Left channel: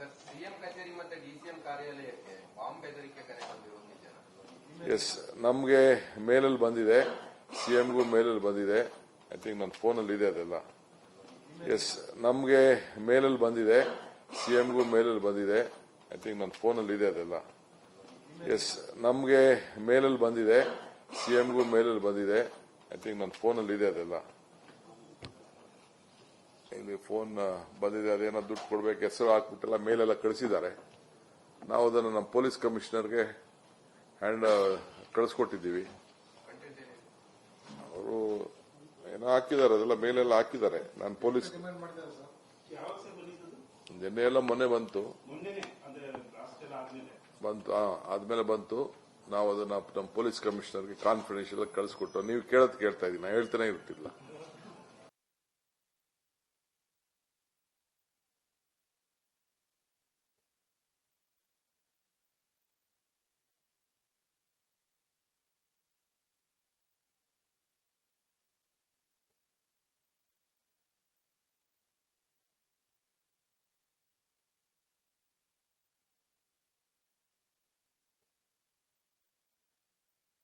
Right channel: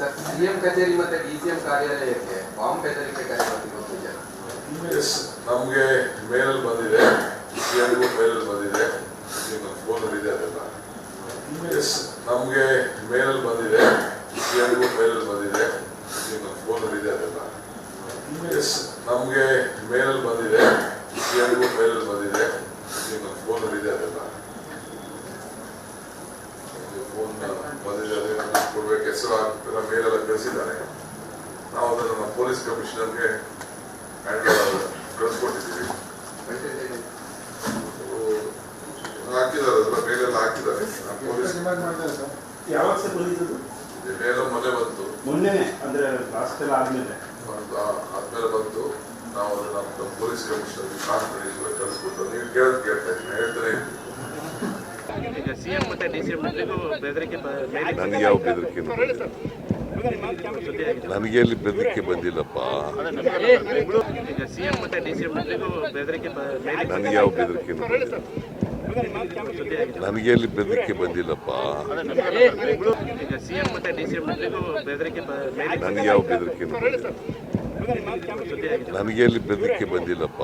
Sir, CM ಕಚೇರಿ ಮತ್ತೆ DCM ಕಾರ್ಯಾಲಯಕ್ಕೆ bomb ಬೆದರಿಕೆ ಕರೆ ಬರ್ತಿರೋದು ನಿಜ? ಎಸ್, ನಮಗೆ ಮೇಲಲ್ಲಿ ಬಂದಿದೆ, ಸಿಎಂಗೂ ಮೇಲಲ್ಲಿ ಬಂದಿದೆ, ನಿಮ್ಮ ಫೋನ್ ಇದೆ ಅದೆಲ್ಲ. ಎಸ್, ನಮಗೆ ಮೇಲಲ್ಲಿ ಬಂದಿದೆ, ಸಿಎಂಗೂ ಮೇಲಲ್ಲಿ ಬಂದಿದೆ, ನಿಮ್ಮ ಫೋನ್ ಇದೆ ಅದೆಲ್ಲ. ಎಸ್, ನಮಗೆ ಮೇಲಲ್ಲಿ ಬಂದಿದೆ, ಸಿಎಂಗೂ ಮೇಲಲ್ಲಿ ಬಂದಿದೆ, ನಿಮ್ಮ ಫೋನ್ ಇದೆ ಅದೆಲ್ಲ. ಫೋನ್ ಬಂದಿದ್ದಾರೆ, ಕೊಡ್ಬೇಕು, ಹೆಸರು ಮೇಲೆಲ್ಲ ಕಳಿಸಿದ್ದಾರೆ. ನಾವು ಅದನ್ನು ನಮ್ಮ ಪೊಲೀಸ್ ಕಮಿಷನರ್ಗೆ ಕಳಿಸ್ಕೊಟ್ಟಿದ್ದೀವಿ. ಹಾಕಿದ್ದಾರೆ, ಮೇಲೆಲ್ಲ ಹಾಕಿದ್ದಾರೆ. ಪೊಲೀಸ್ ಯಾವಾಗ ಸರ್ ಬಂದಿದ್ದು? ಏನೋ ಮೊನ್ನೆ ಬಂತು, ಮೊನ್ನೆನೆ ಅಂದ್ರೆ ಲಾಸ್ಟ್ ಎಲ್ಲ ಆದ್ಮೇಲೆ ಬಂತು. ನಾವು ಅದನ್ನ ನಮ್ಮ ಪೊಲೀಸ್ ಕಮಿಷನರ್ಗೆ ಕಾನ್ಫರೆನ್ಸ್ ಕಳಿಸ್ಬಿಟ್ಟು ನೀವು ಕೇಳ್ತಾ ಇದ್ದೀನಿ, ಹೇಳ್ತಾನೆ ಇದ್ದೀನಿ. ಈಗ ಸಿಎಂ ಮತ್ತೆ ಡಿಸಿಎಂ ಬೆದರಿಕೆ ನನಗೆ ಯಾವ ಬೆದರಿಕೆ ನನಗೆ ಎಲ್ಲಿ ಬೆದರಿಕೆ ಬಂದಿಲ್ಲಪ್ಪ. ಈಗ ಸಿಎಂ ಮತ್ತೆ ಡಿಸಿಎಂ ಬೆದರಿಕೆ ನನಗೆ ಯಾವ ಬೆದರಿಕೆ ನನಗೆ ಎಲ್ಲಿ ಬೆದರಿಕೆ ಬಂದಿಲ್ಲಪ್ಪ. ಈಗ ಸಿಎಂ ಮತ್ತೆ ಡಿಸಿಎಂ ಬೆದರಿಕೆ ನನಗೆ ಯಾವ ಬೆದರಿಕೆ ನನಗೆ ಎಲ್ಲಿ ಬೆದರಿಕೆ ಬಂದಿಲ್ಲಪ್ಪ.